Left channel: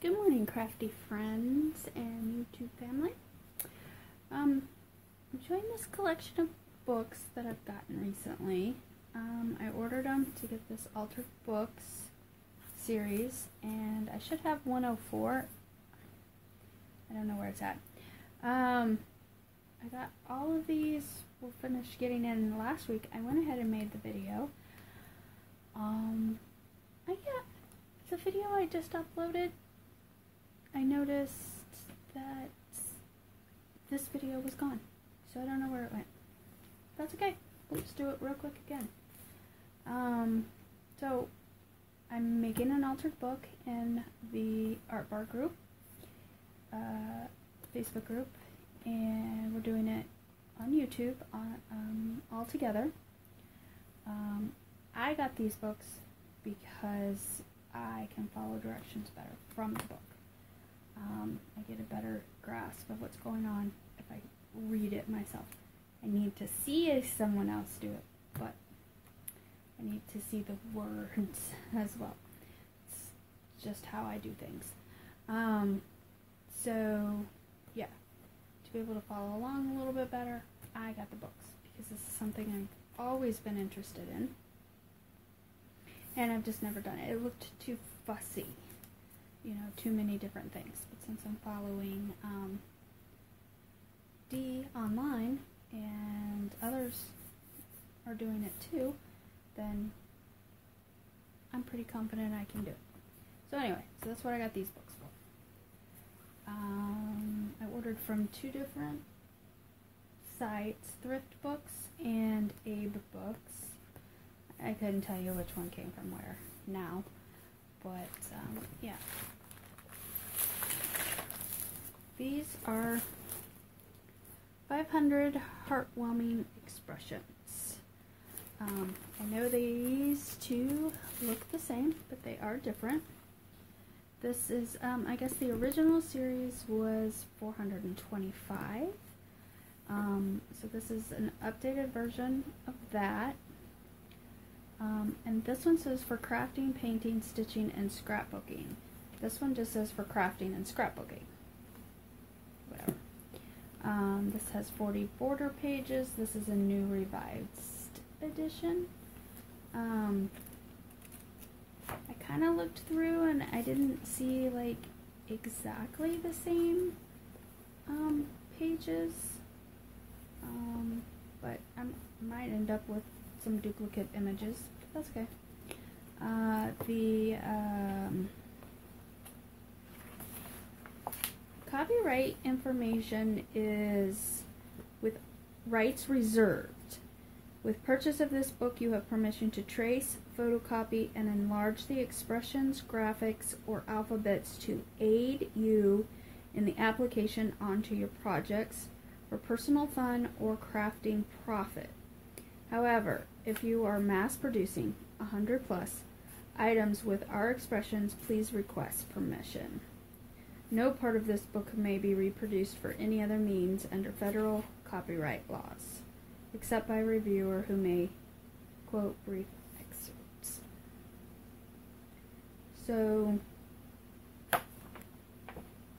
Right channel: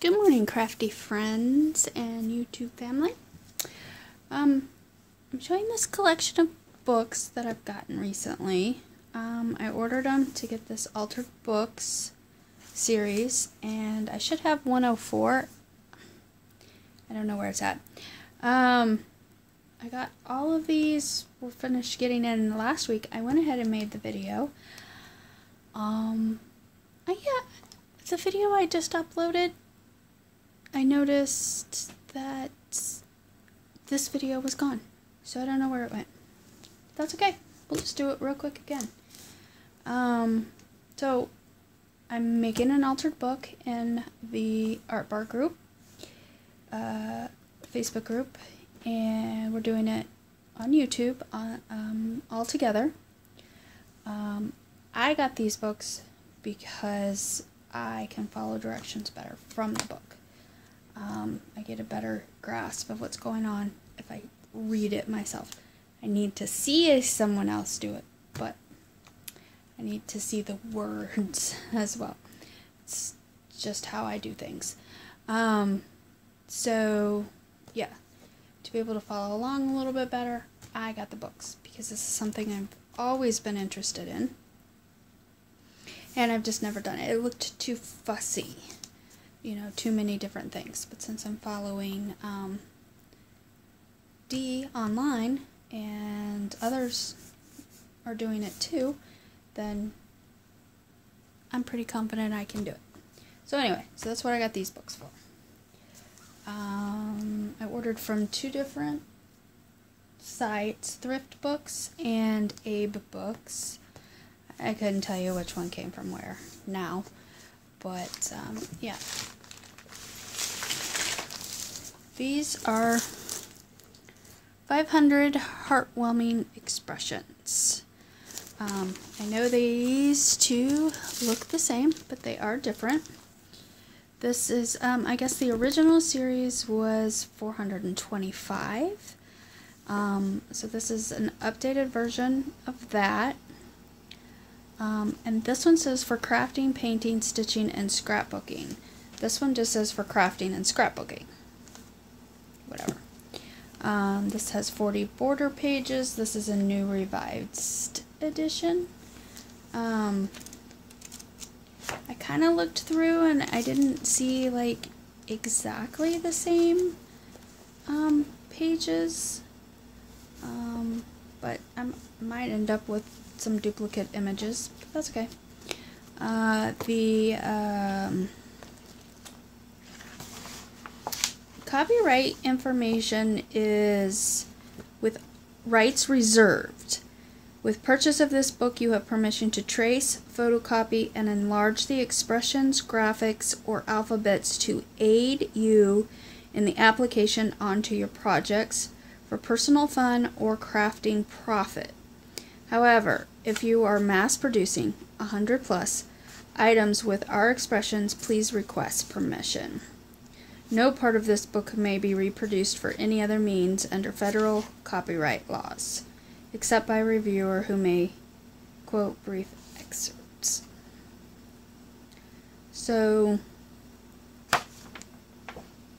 Good morning, crafty friends and YouTube family. I'm showing this collection of books that I've gotten recently. I ordered them to get this Altered Books series, and I should have 104. I don't know where it's at. I got all of these. We're finished getting in last week. I went ahead and made the video. Yeah, the video I just uploaded, I noticed that this video was gone, so I don't know where it went. That's okay. We'll just do it real quick again. So I'm making an altered book in the Art Bar group, Facebook group, and we're doing it on YouTube all together. I got these books because I can follow directions better from the book. I get a better grasp of what's going on if I read it myself. I need to see someone else do it, but I need to see the words as well. It's just how I do things. So, yeah, to be able to follow along a little bit better, I got the books because this is something I've always been interested in, and I've just never done it. It looked too fussy. You know, too many different things. But since I'm following Dee online and others are doing it too, then I'm pretty confident I can do it. So anyway, so that's what I got these books for. I ordered from two different sites, Thrift Books and Abe Books. I couldn't tell you which one came from where now. But, yeah. These are 500 heartwarming expressions. I know these two look the same, but they are different. This is, I guess the original series was 425. So this is an updated version of that. And this one says for crafting, painting, stitching, and scrapbooking. This one just says for crafting and scrapbooking. Whatever. This has 40 border pages. This is a new revised edition. I kind of looked through and I didn't see like exactly the same pages. But I might end up with some duplicate images, but that's okay. The copyright information is with rights reserved. With purchase of this book, you have permission to trace, photocopy, and enlarge the expressions, graphics, or alphabets to aid you in the application onto your projects for personal fun or crafting profit. However, if you are mass producing 100+ items with our expressions, please request permission. No part of this book may be reproduced for any other means under federal copyright laws, except by a reviewer who may quote brief excerpts. So, I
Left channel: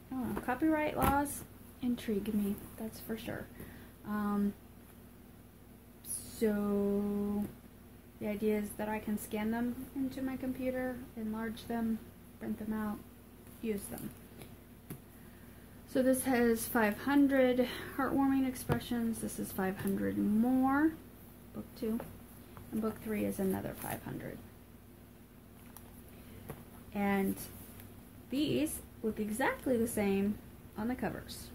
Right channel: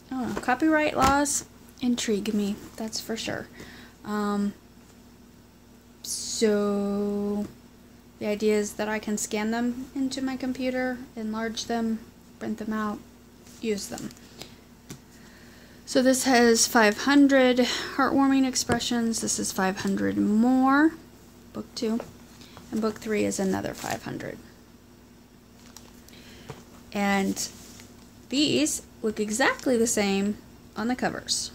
don't know, copyright laws intrigue me, that's for sure. So the idea is that I can scan them into my computer, enlarge them, print them out, use them. So this has 500 heartwarming expressions. This is 500 more, book 2, and book 3 is another 500. And these look exactly the same on the covers.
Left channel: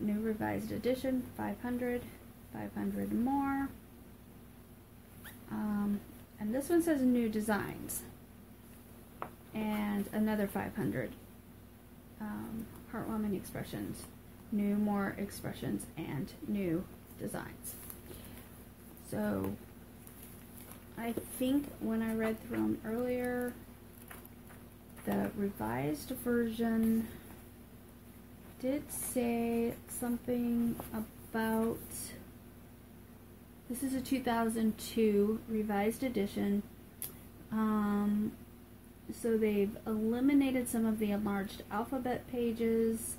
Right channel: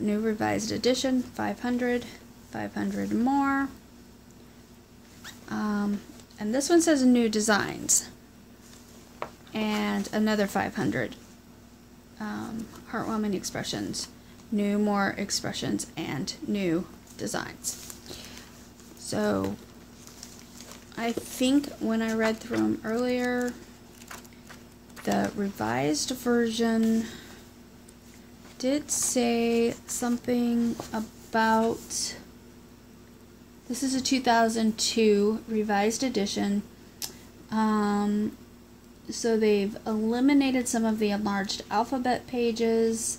New revised edition, 500, 500 more. And this one says new designs. And another 500 heartwarming expressions, new more expressions, and new designs. So I think when I read through them earlier, the revised version did say something about, this is a 2002 revised edition. So they've eliminated some of the enlarged alphabet pages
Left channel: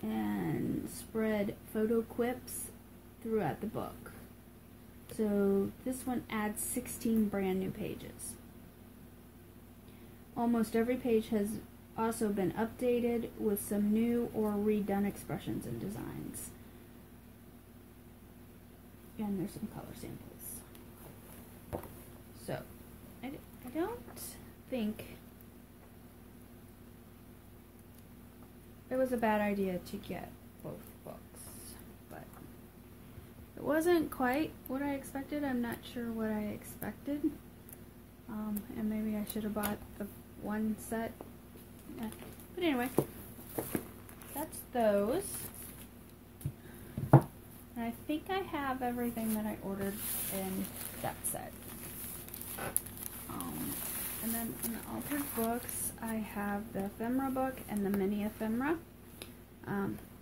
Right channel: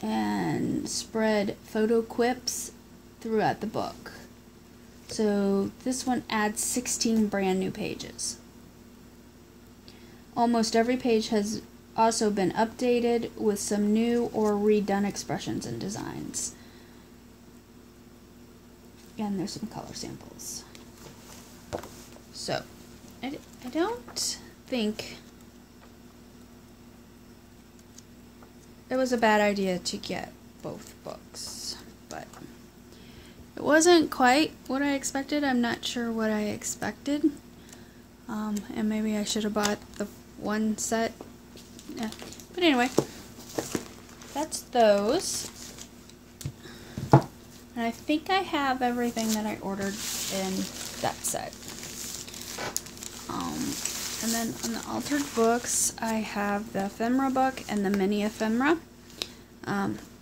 and spread photo quips throughout the book. So this one adds 16 brand new pages. Almost every page has also been updated with some new or redone expressions and designs. And there's some color samples. So, I don't think it was a bad idea to get both books, but it wasn't quite what I expected. I'm not sure what I expected. And maybe I should have bought the one set. Yeah. But anyway, that's those. And I think I have everything that I ordered in that set. And then on the altered books, I have the ephemera book and the mini ephemera.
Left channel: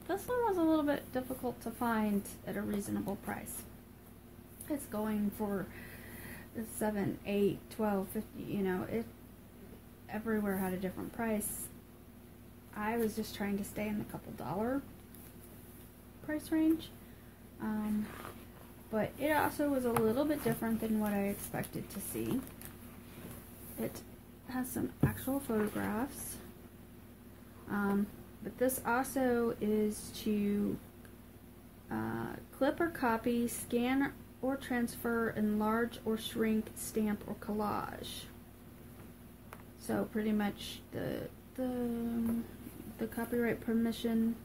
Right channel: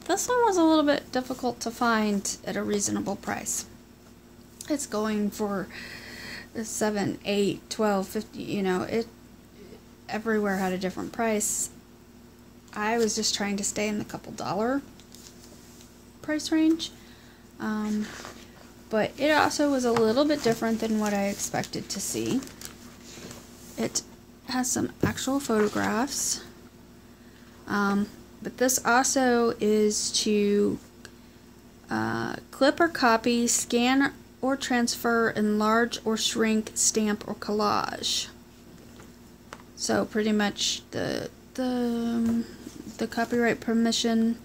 This one was a little bit difficult to find at a reasonable price. It's going for $7, $8, $12, $50, you know, it everywhere had a different price. I was just trying to stay in the couple dollar price range. But it also was a little bit different than what I expected to see. It has some actual photographs. But this also is to clip or copy, scan or transfer, enlarge or shrink, stamp or collage. So pretty much the copyright permission.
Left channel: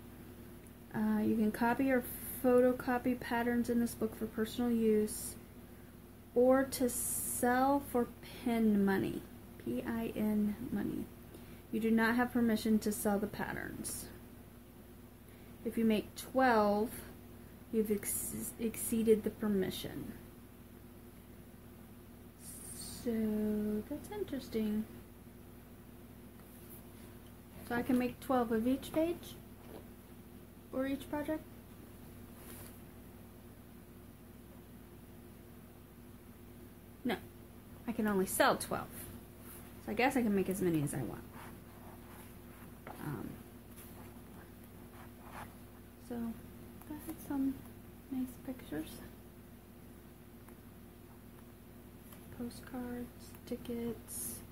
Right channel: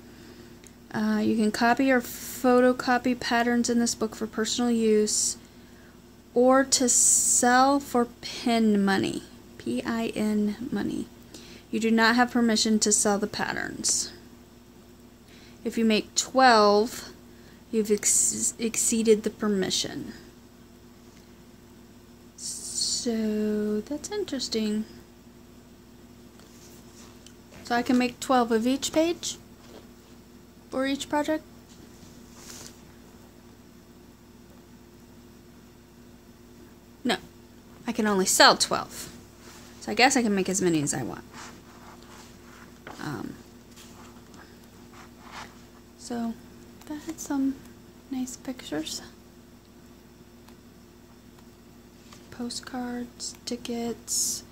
You can copy or photocopy patterns in this book for personal use or to sell for PIN money. P-I-N money. You do not have permission to sell the patterns. If you make 12, you've exceeded the permission. So that's interesting. So I can make 12 of each page or each project? No, I can only sell 12. So I guess I can make as many as I want. So that had some nice pictures. Postcards, tickets.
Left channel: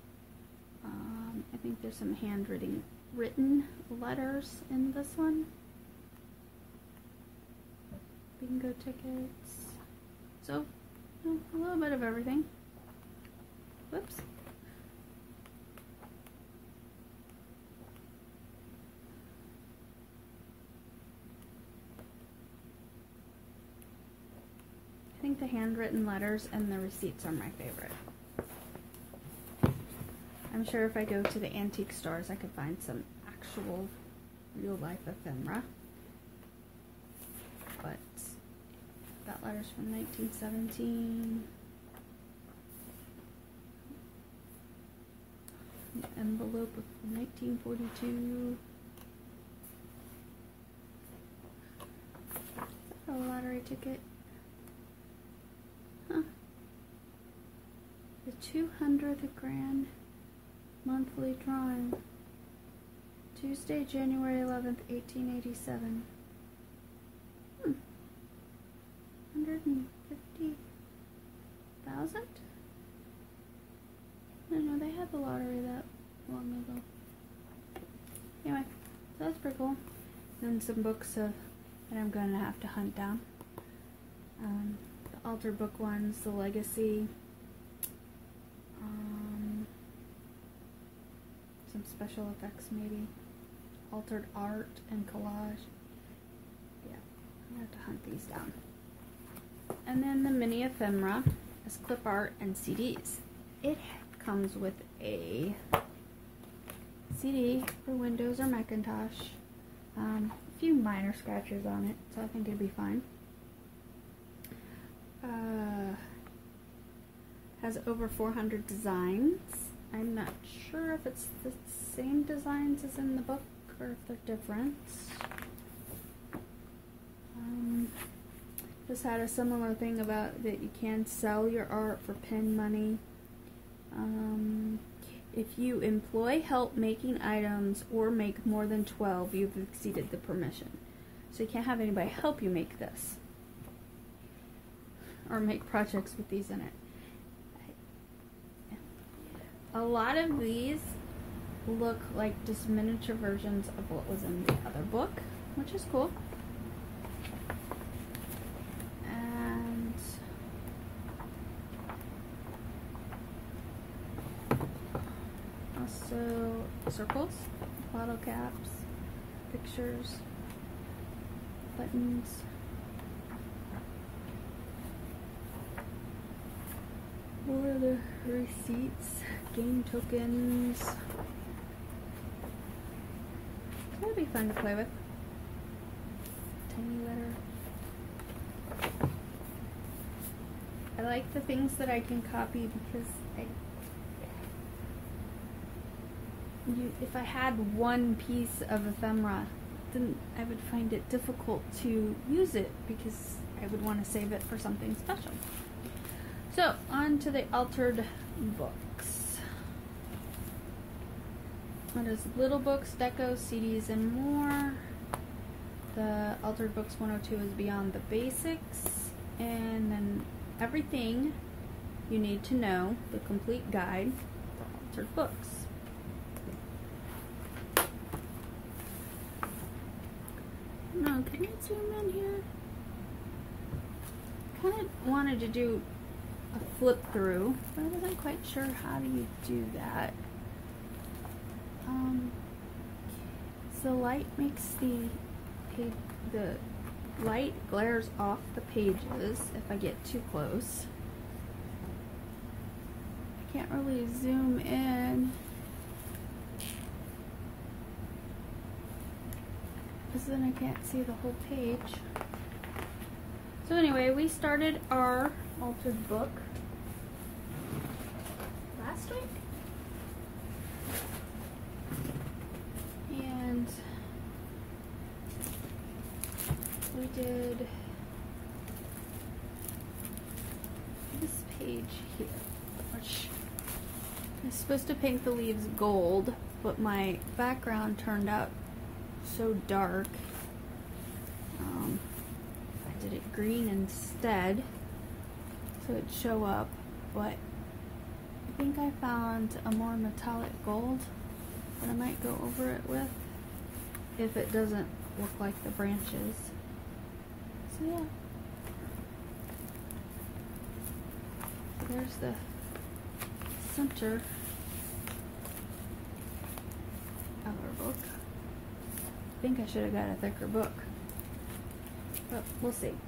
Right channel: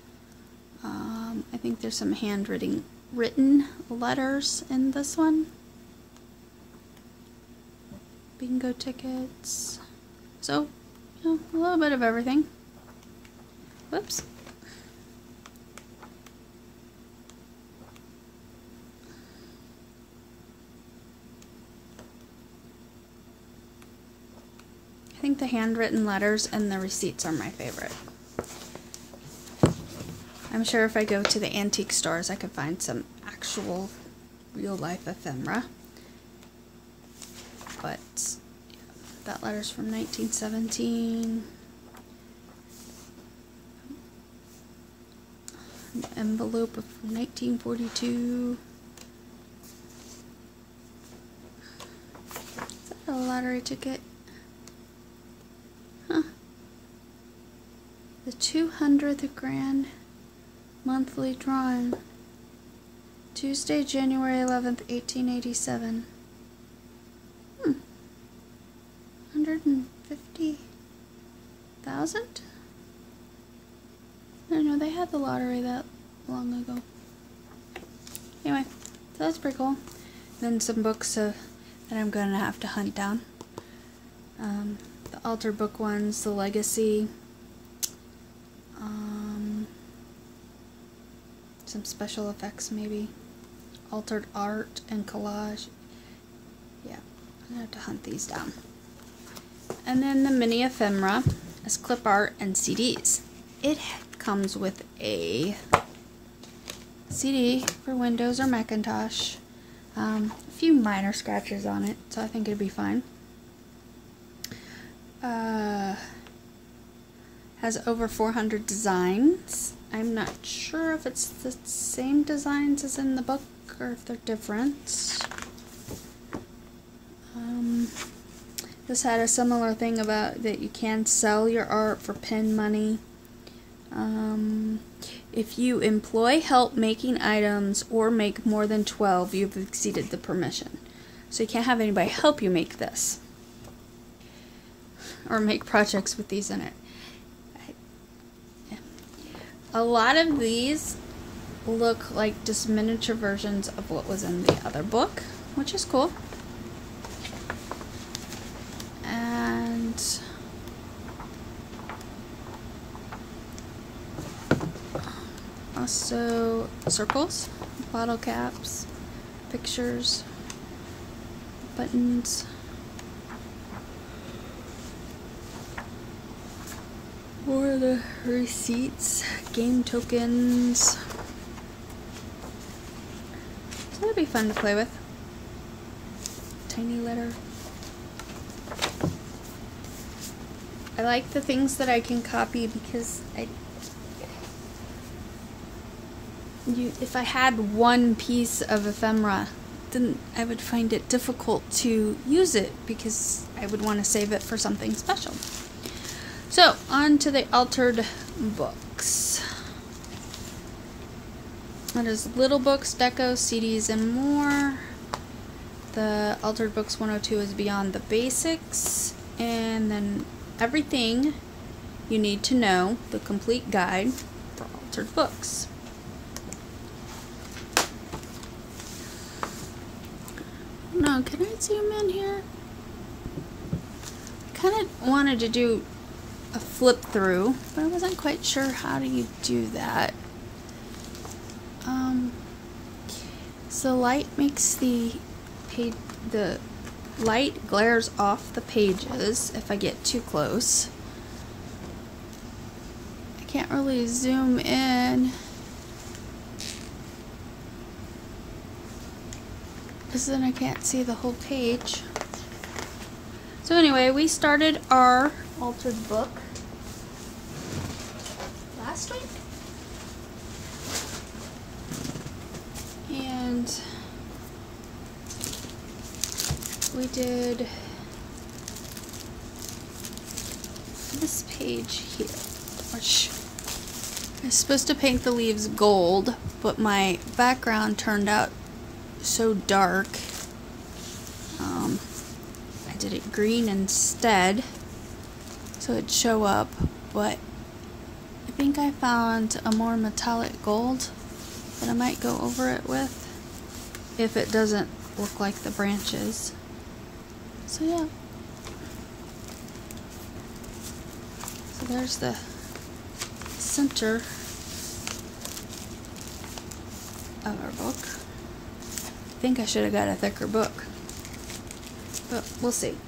I think there's some handwritten letters in this one. Bingo tickets. So, you know, a little bit of everything. Whoops. I think the handwritten letters and the receipts are my favorite. I'm sure if I go to the antique stores I could find some actual real-life ephemera. But yeah, that letter's from 1917. An envelope of 1942. Is that a lottery ticket? Huh. The 200th grand monthly drawing. Tuesday, January 11th, 1887. 150,000? I don't know, they had the lottery that long ago. Anyway, so that's pretty cool. Then some books that I'm gonna have to hunt down. The altar book ones, the legacy. Some special effects maybe. Altered art and collage. Yeah, I'm gonna have to hunt these down. And then the mini ephemera is clip art and CDs. It comes with a CD for Windows or Macintosh. A few minor scratches on it, so I think it'd be fine. Has over 400 designs. I'm not sure if it's the same designs as in the book or if they're different. This had a similar thing about that you can sell your art for PIN money. If you employ help making items or make more than 12, you've exceeded the permission. So you can't have anybody help you make this. Or make projects with these in it. A lot of these look like just miniature versions of what was in the other book, which is cool. And also circles, bottle caps, pictures, buttons. Or the receipts, game tokens. So that'd be fun to play with. Tiny letter. I like the things that I can copy because if I had one piece of ephemera, then I would find it difficult to use it because I would want to save it for something special. So, on to the altered books. That is little books, decos, CDs, and more. The altered books 102 is beyond the basics. And then everything you need to know, the complete guide for altered books. No, can I zoom in here? I kind of wanted to do a flip through, but I wasn't quite sure how do you do that. So light makes the light glares off the pages if I get too close. I can't really zoom in because then I can't see the whole page. So anyway, we started our altered book last week, and we did this page here, which I was supposed to paint the leaves gold, but my background turned out so dark. I did it green instead so it'd show up, but I think I found a more metallic gold that I might go over it with if it doesn't look like the branches. So yeah. So there's the center of our book. I think I should have got a thicker book, but we'll see.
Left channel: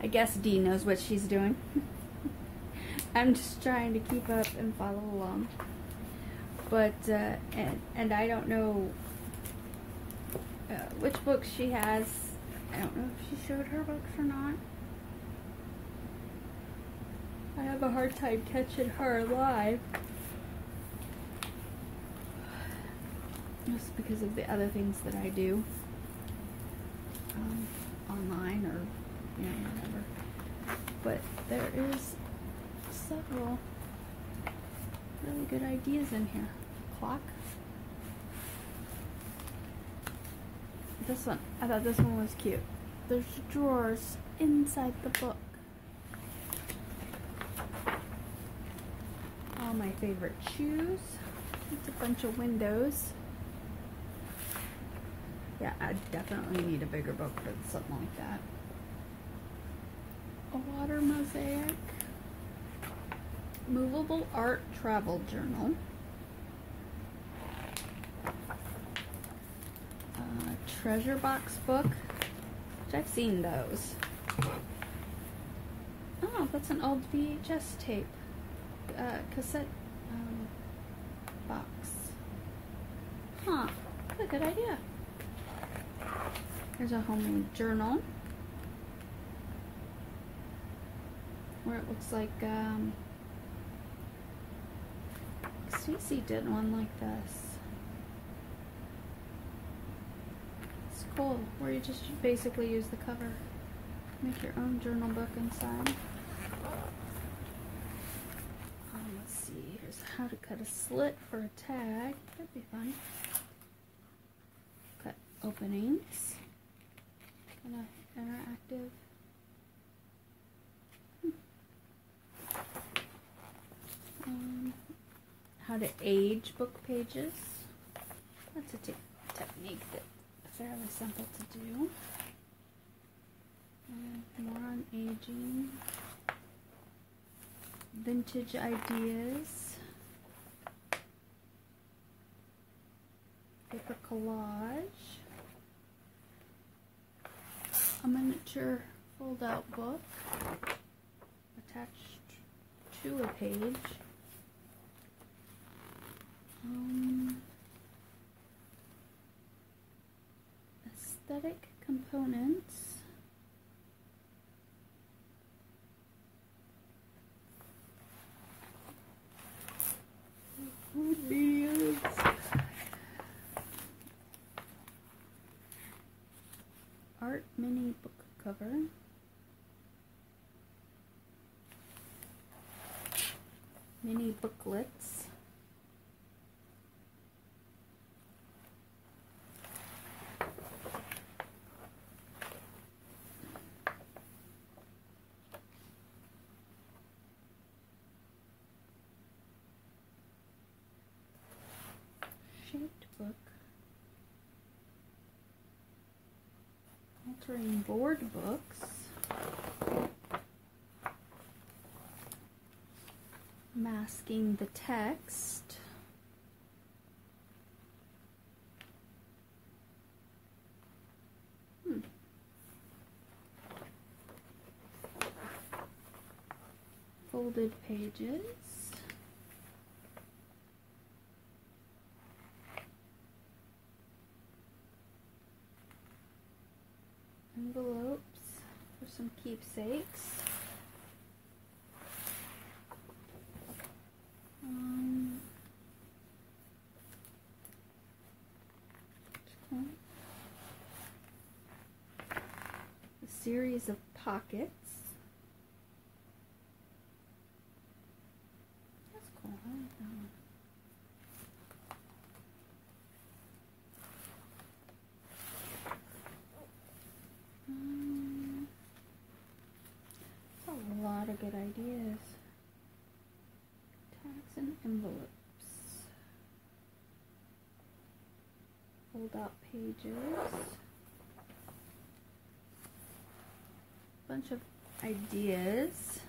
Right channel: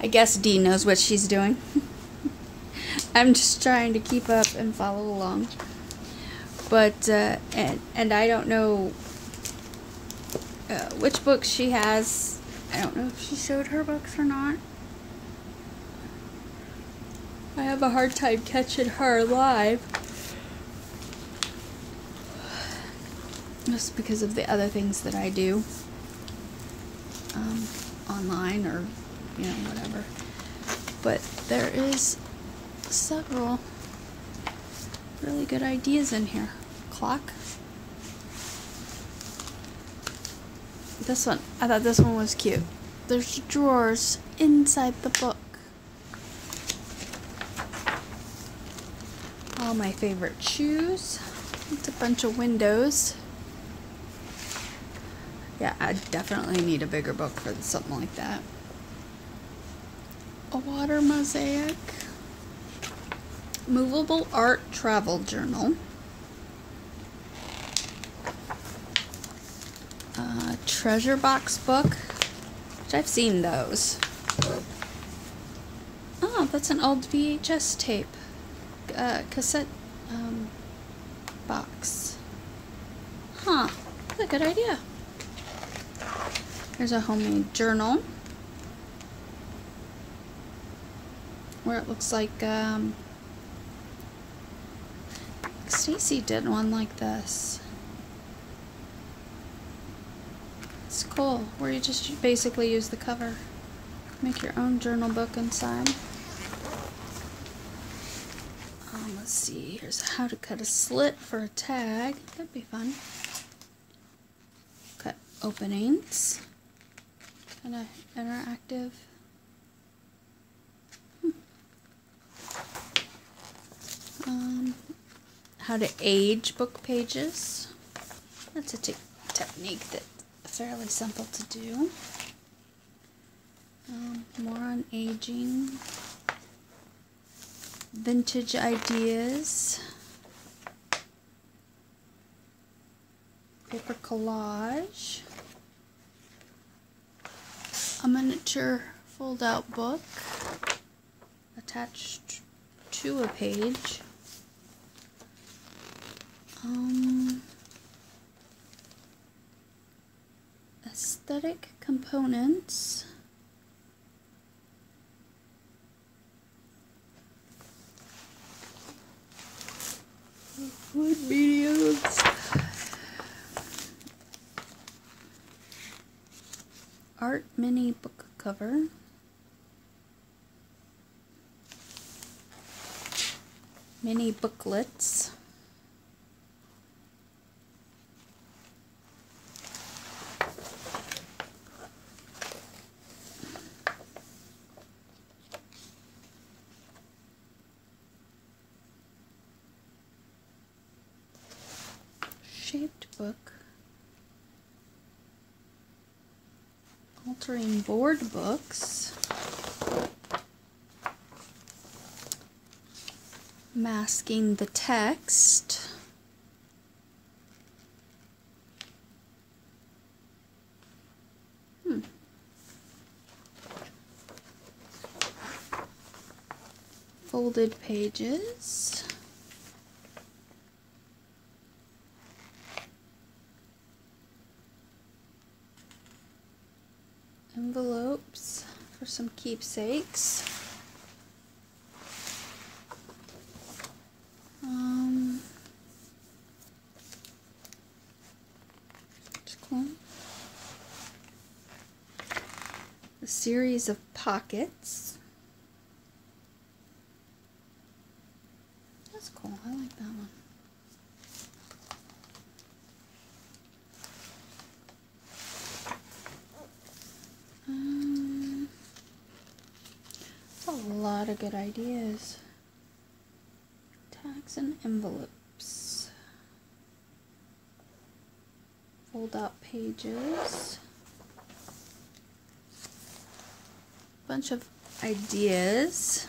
I guess Dee knows what she's doing. I'm just trying to keep up and follow along. But, and I don't know which books she has. I don't know if she showed her books or not. I have a hard time catching her live. Just because of the other things that I do. Online or, you know, whatever. But there is several really good ideas in here. Clock. This one, I thought this one was cute. There's drawers inside the book. All my favorite shoes. It's a bunch of windows. Yeah, I definitely need a bigger book for something like that. A water mosaic. Movable art travel journal. Treasure box book, which I've seen those. Oh, that's an old VHS tape. Cassette box. Huh, that's a good idea. Here's a homemade journal where it looks like Stacy did one like this. It's cool, where you just basically use the cover. Make your own journal book inside. let's see, here's how to cut a slit for a tag. That'd be fun. Cut openings. Kind of interactive. How to age book pages. That's a technique that's fairly simple to do. More on aging. Vintage ideas. Paper collage. A miniature fold-out book attached to a page. Aesthetic components. Wood mediums. Art mini book cover. Mini booklets. Shaped book. Altering board books. Masking the text. Folded pages. Envelopes for some keepsakes. Cool. A series of pockets. That's cool. I like that one. A lot of good ideas. Tags and envelopes. Fold out pages. Bunch of ideas.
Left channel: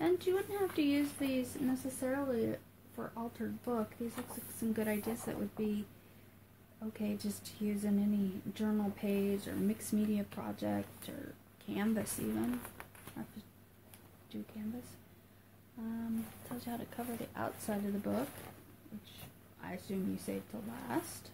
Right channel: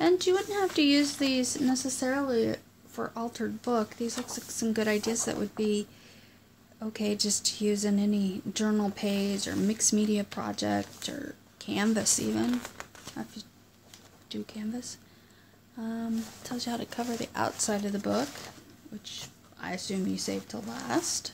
And you wouldn't have to use these necessarily for altered book. These look like some good ideas that would be okay just to use in any journal page or mixed media project or Canvas even. I have to do Canvas. Tells you how to cover the outside of the book, which I assume you saved till last.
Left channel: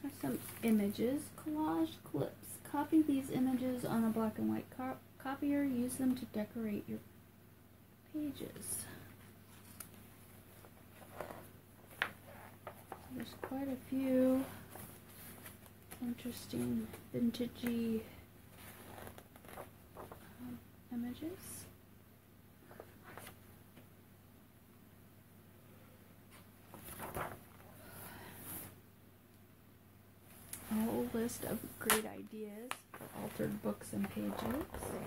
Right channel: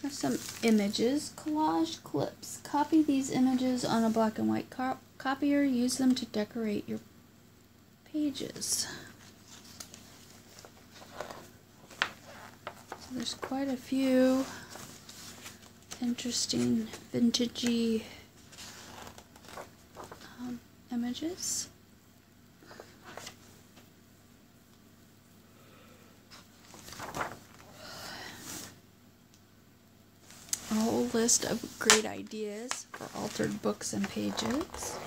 There's some images, collage clips. Copy these images on a black and white copier. Use them to decorate your pages. So there's quite a few interesting vintagey images. A whole list of great ideas for altered books and pages.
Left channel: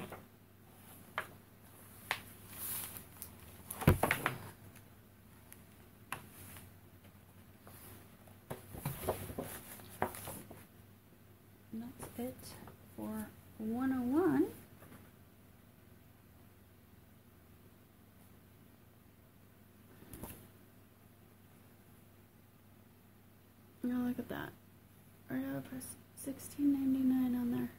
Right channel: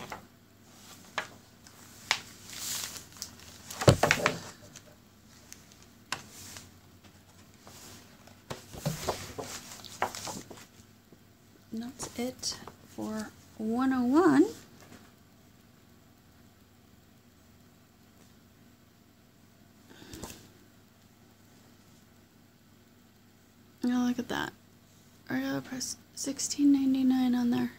And that's it for 101. Oh, look at that. I gotta press $16.99 on there.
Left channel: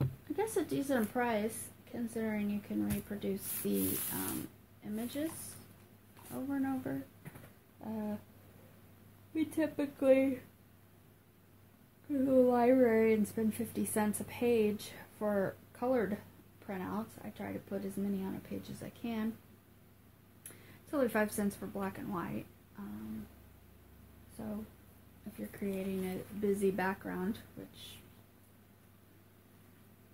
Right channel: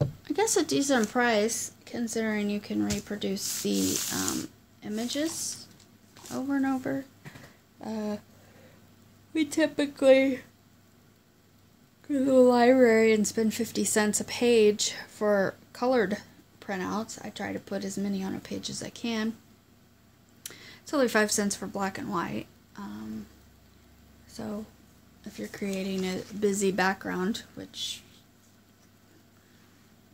I guess a decent price considering you can reproduce the images over and over. We typically go to the library and spend 50 cents a page for colored printouts. I try to put as many on a page as I can. It's only 5 cents for black and white. So if you're creating a busy background, which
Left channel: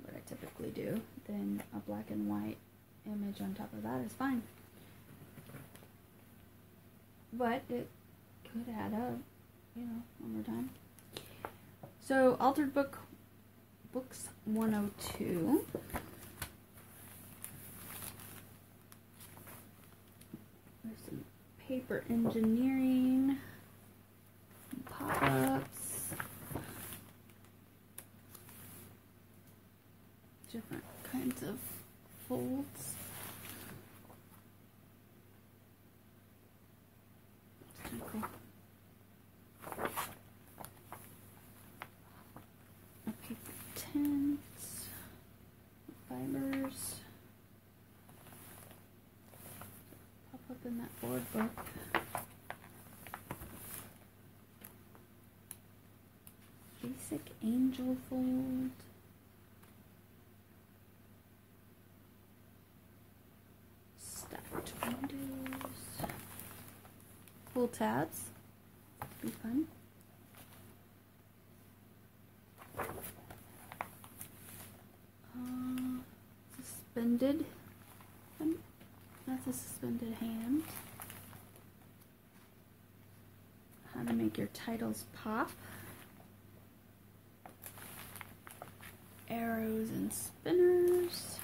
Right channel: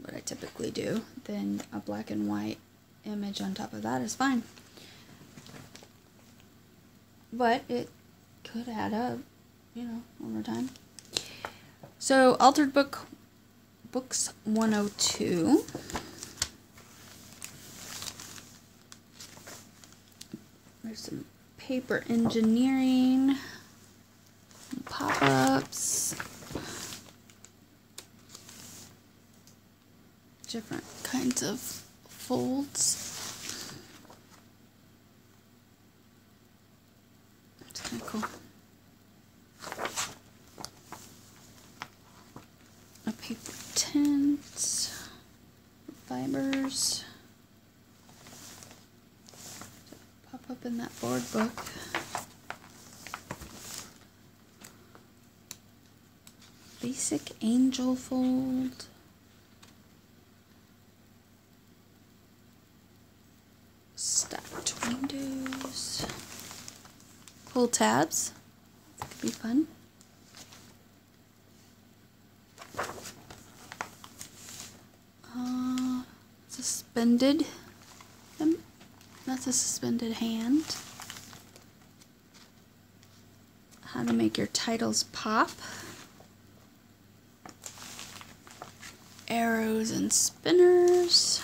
what I typically do, then a black and white image on top of that is fine. But it could add up, you know, over time. So Altered Books 102. There's some paper engineering, pop-ups, different kinds of folds. It's kind of cool. A paper tint, fibers. Pop up in that board book. Basic angel fold. Stacked windows. Cool tabs. That could be fun. Suspended. That's a suspended hand. How to make your titles pop. Arrows and spinners.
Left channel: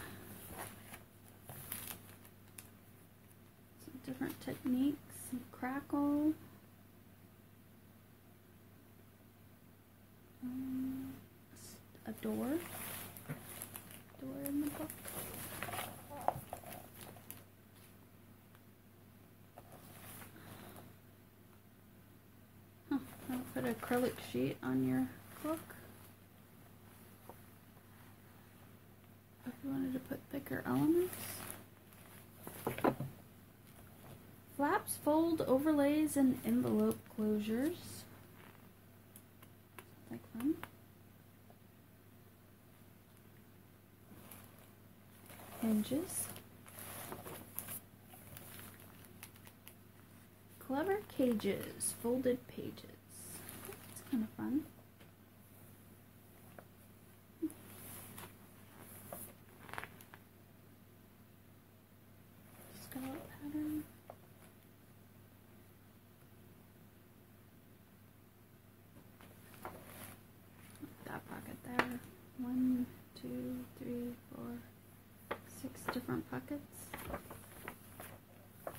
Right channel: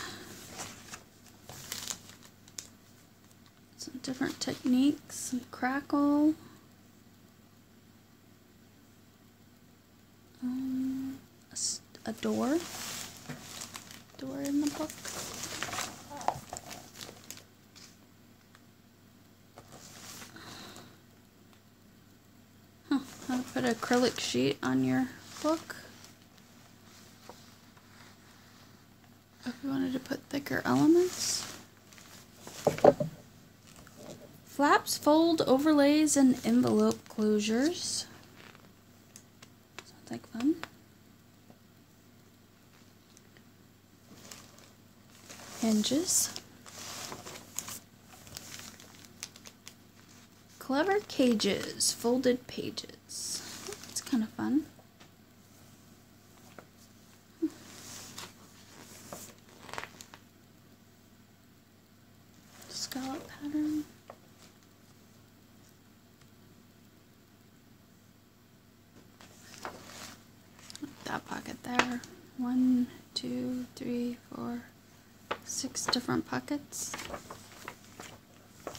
Some different techniques. Some crackle. A door. Door in the book. How to put an acrylic sheet on your book. If you wanted to put thicker elements. Flaps, fold, overlays, and envelope closures. Sounds like fun. Hinges. Clever cages, folded pages. That's kind of fun. Scallop pattern. That pocket there. 1, 2, 3, 4, 6 different pockets. A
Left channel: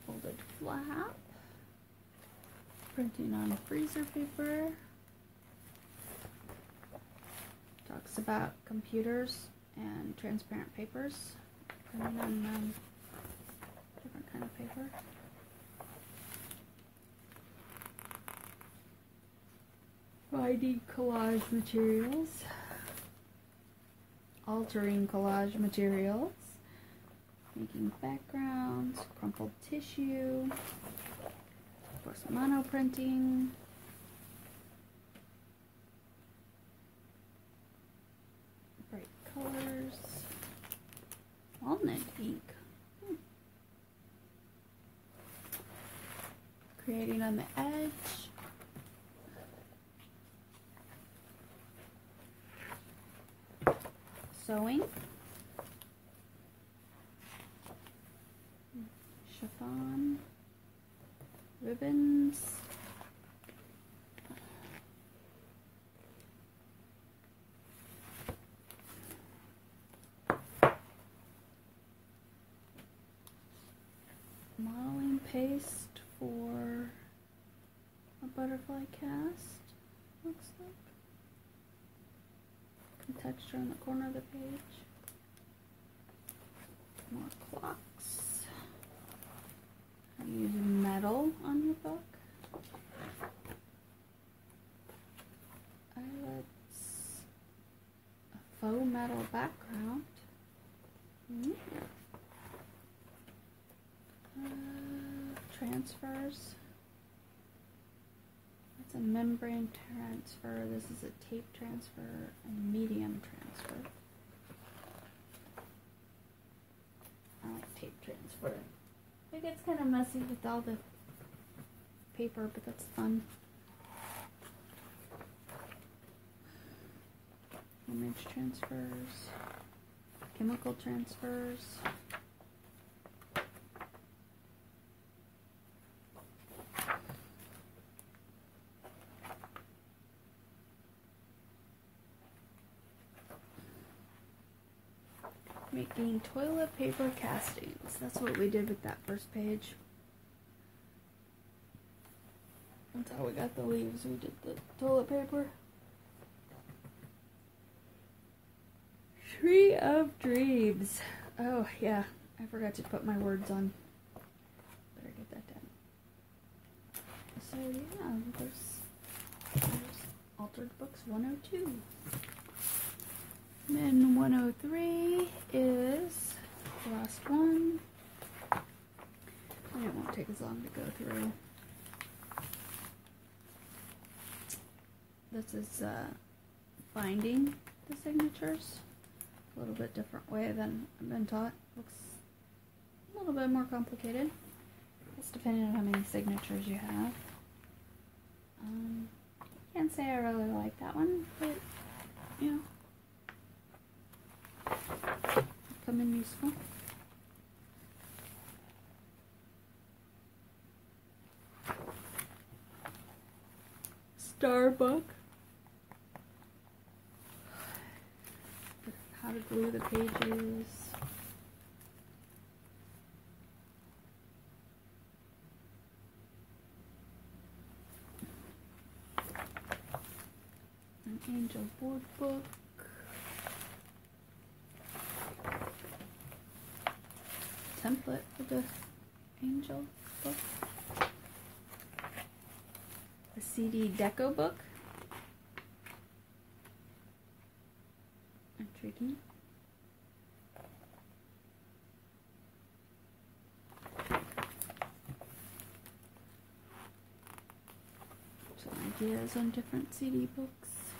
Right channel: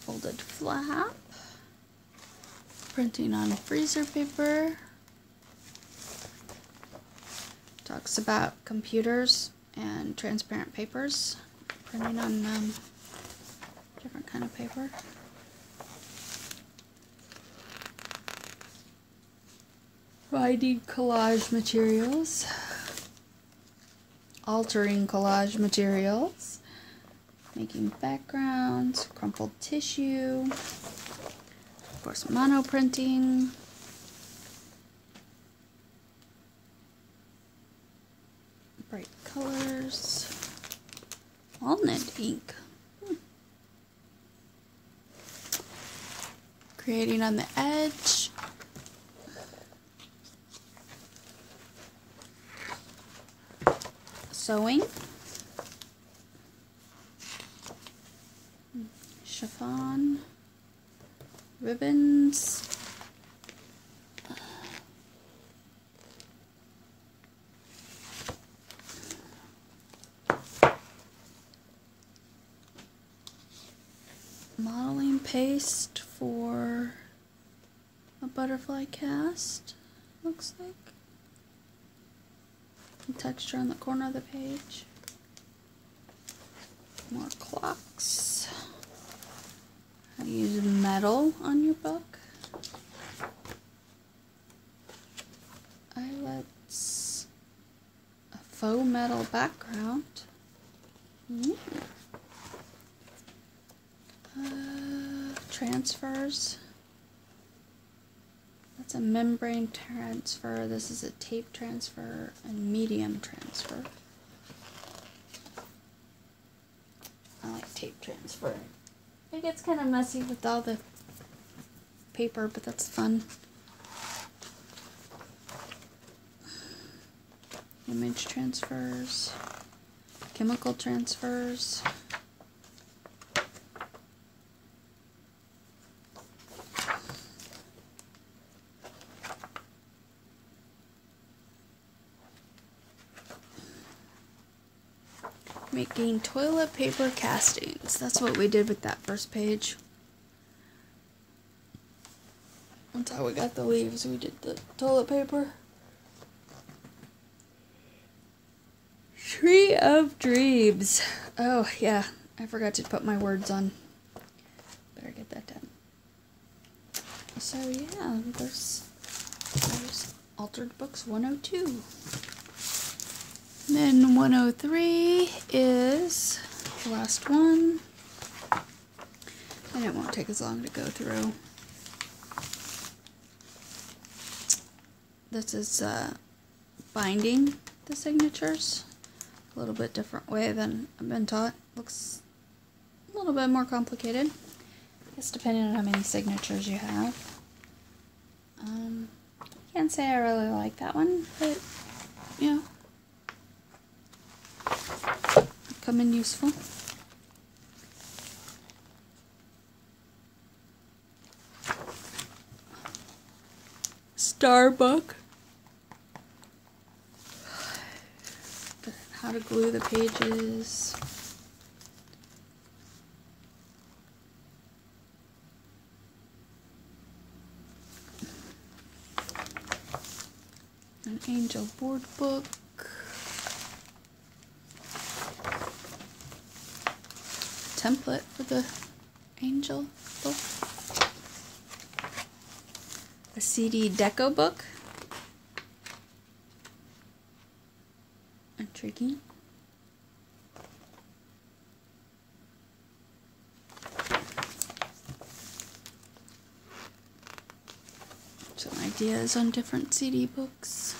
folded flap. Printing on freezer paper. Talks about computers and transparent papers. Printing on different kind of paper. Finding collage materials. Altering collage materials. Making backgrounds. Crumpled tissue. Of course, monoprinting. Bright colors. Walnut ink. Creating on the edge. Sewing. Chiffon. Ribbons. Modeling paste for a butterfly cast, looks like. And texture on the corner of the page. More clocks. How to use metal on your book. Eyelets. A faux metal background. Transfers. That's a membrane transfer. This is a tape transfer and medium transfer. tape transfer. It gets kind of messy with all the paper, but that's fun. Image transfers, chemical transfers. Making toilet paper castings. That's what we did with that first page. That's how we got the leaves. We did the toilet paper. Tree of Dreams. Oh, yeah. I forgot to put my words on. Better get that done. So, yeah, there's Altered Books 102. Then 103 is the last one. And it won't take as long to go through. This is binding the signatures. A little bit different way than I've been taught. Looks a little bit more complicated. I guess depending on how many signatures you have. Can't say I really like that one, but you know, come in useful. Star book. How to glue the pages. An angel board book. Template for the angel book. A CD deco book. Intriguing. Some ideas on different CD books.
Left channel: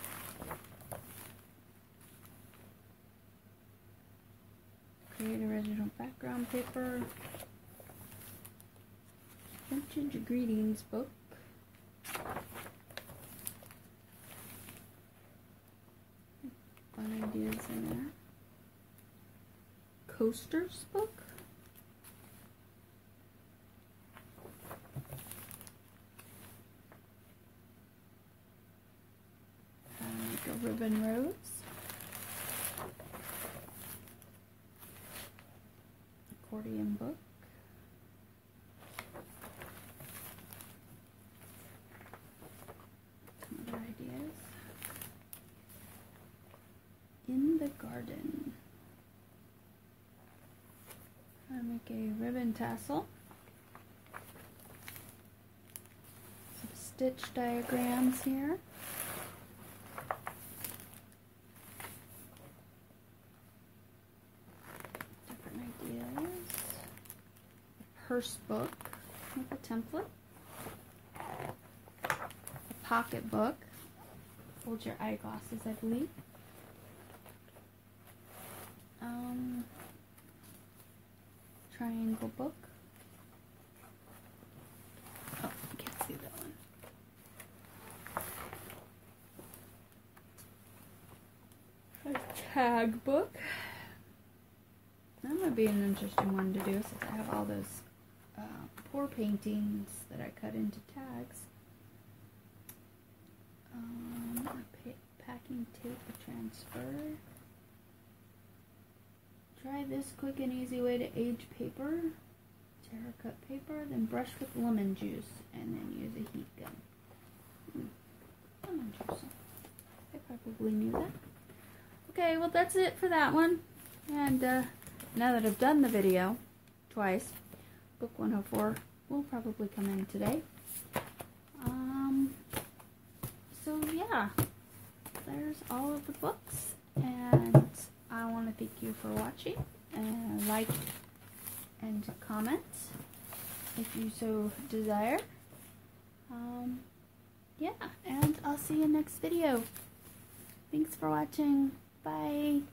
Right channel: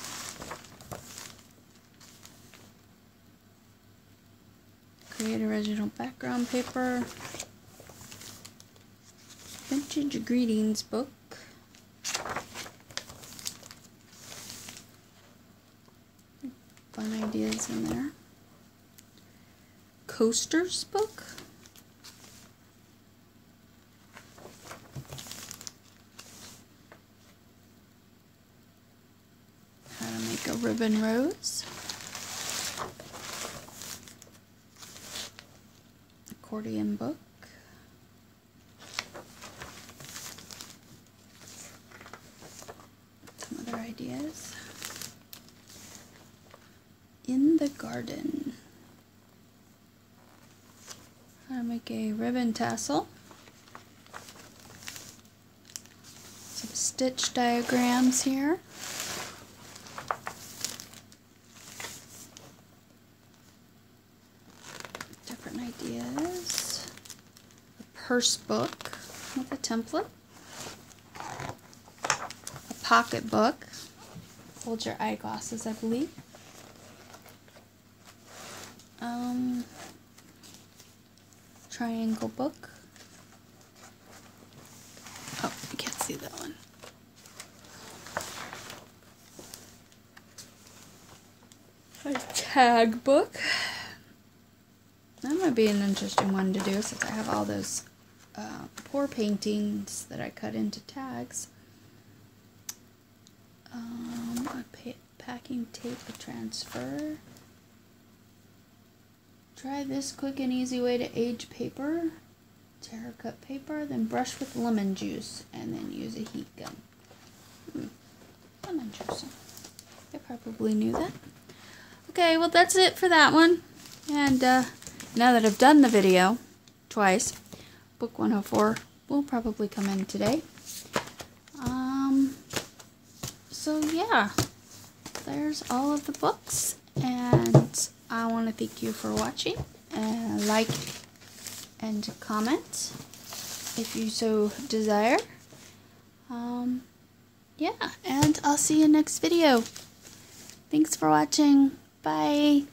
Create original background paper. Vintage greetings book. Fun ideas in there. Coasters book. How to make a ribbon rose. Accordion book. Some other ideas. In the garden. How to make a ribbon tassel. Some stitch diagrams here. Different ideas. A purse book with a template. A pocket book. Hold your eyeglasses, I believe. Triangle book. Oh, you can't see that one. A tag book. That might be an interesting one to do since I have all those pour paintings that I cut into tags. A packing tape transfer. Try this quick and easy way to age paper. Terra cut paper, then brush with lemon juice, and then use a heat gun. Lemon juice. I probably knew that. Okay, well that's it for that one. And now that I've done the video twice, book 104 will probably come in today. So yeah, there's all of the books, and I want to thank you for watching, and like and comment if you so desire. Yeah, and I'll see you next video. Thanks for watching. Bye.